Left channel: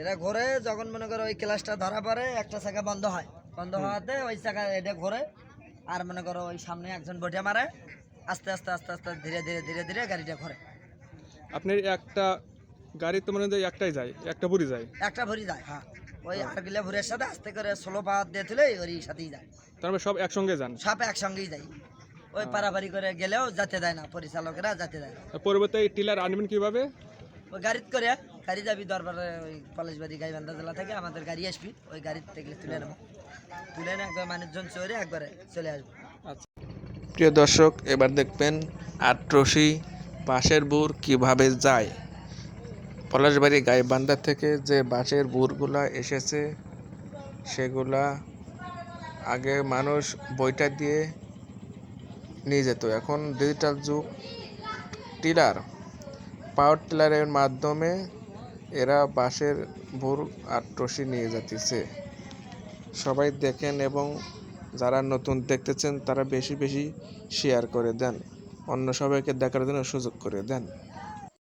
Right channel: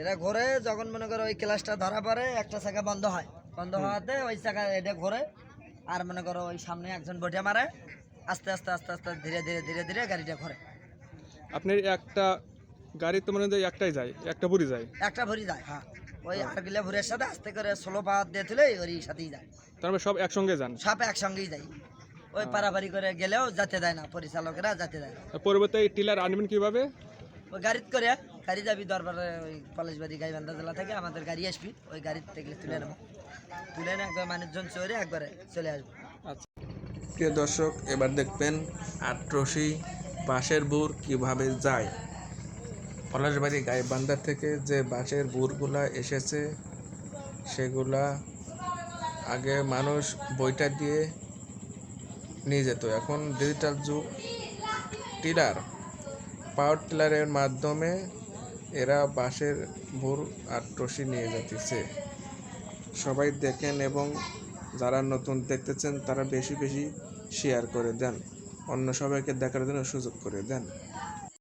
এটা ঘোরে যখন মনে করো ওই ক্লাসটা ধরা পড়ে একটা চাকা বন্ধ হয়, বন্ধ হওয়াতে ওই চাকা এটা ঘোরে আর মনে করো ওই সামনে একজন বটে মারে, আস্তে আস্তে আস্তে আস্তে ধীরে ধীরে ধীরে ধীরে গাড়িটা ঘোরে। আপনার একটা গাড়ি তো মনে হয় একটাই যায়, একটা ভরি যায়? একটা ভরি যায়, হ্যাঁ ওই আরগুলা ভুরের সাথে আস্তে করে স্লো পাওয়ার দিয়ে তুলে ওর সাথেই যায়। তার মানে সব একসঙ্গে যান? সব একসঙ্গেই যাই, ওই পারাপারি করে গেলেও যেতে দেয় না, পরিচালকেরা যেতে দেয় না। পরবর্তী টিলার আনবেন কিভাবে? ওই গাড়িতে করে গাড়ি যাবি দরবারে, ওই পলাশবাড়ি গাইবান্ধা জেলা থেকে আমাদের গাড়ি আসবি, ওই গাড়ির থেকে তুলে নেবো, তুলে নিয়ে একবার মানুষজন চড়ে একবারে চলে আসবো। আচ্ছা, প্রিয় দর্শক, এবার দেখবেন আটরশি বাঁশের বুর কিভাবে যায়। পলাশবাড়ি গাইবান্ধা থেকে যে বাঁশের বুরগুলা এসেছে সেগুলা আগে মানুষ বইটা দিয়ে নিয়ে যেত, এখন ডিজিটাল যুগ, টিলার, পাওয়ার টিলারের মাধ্যমে এরা বাঁশের বুর আটরশি নিয়ে যাচ্ছে। সবাই দেখেন এবং যারা নতুন দেখতেছেন তারা বেশি বেশি শেয়ার করে দেন, অন্য সবাইকে দেখার জন্য সুযোগ করে দেন।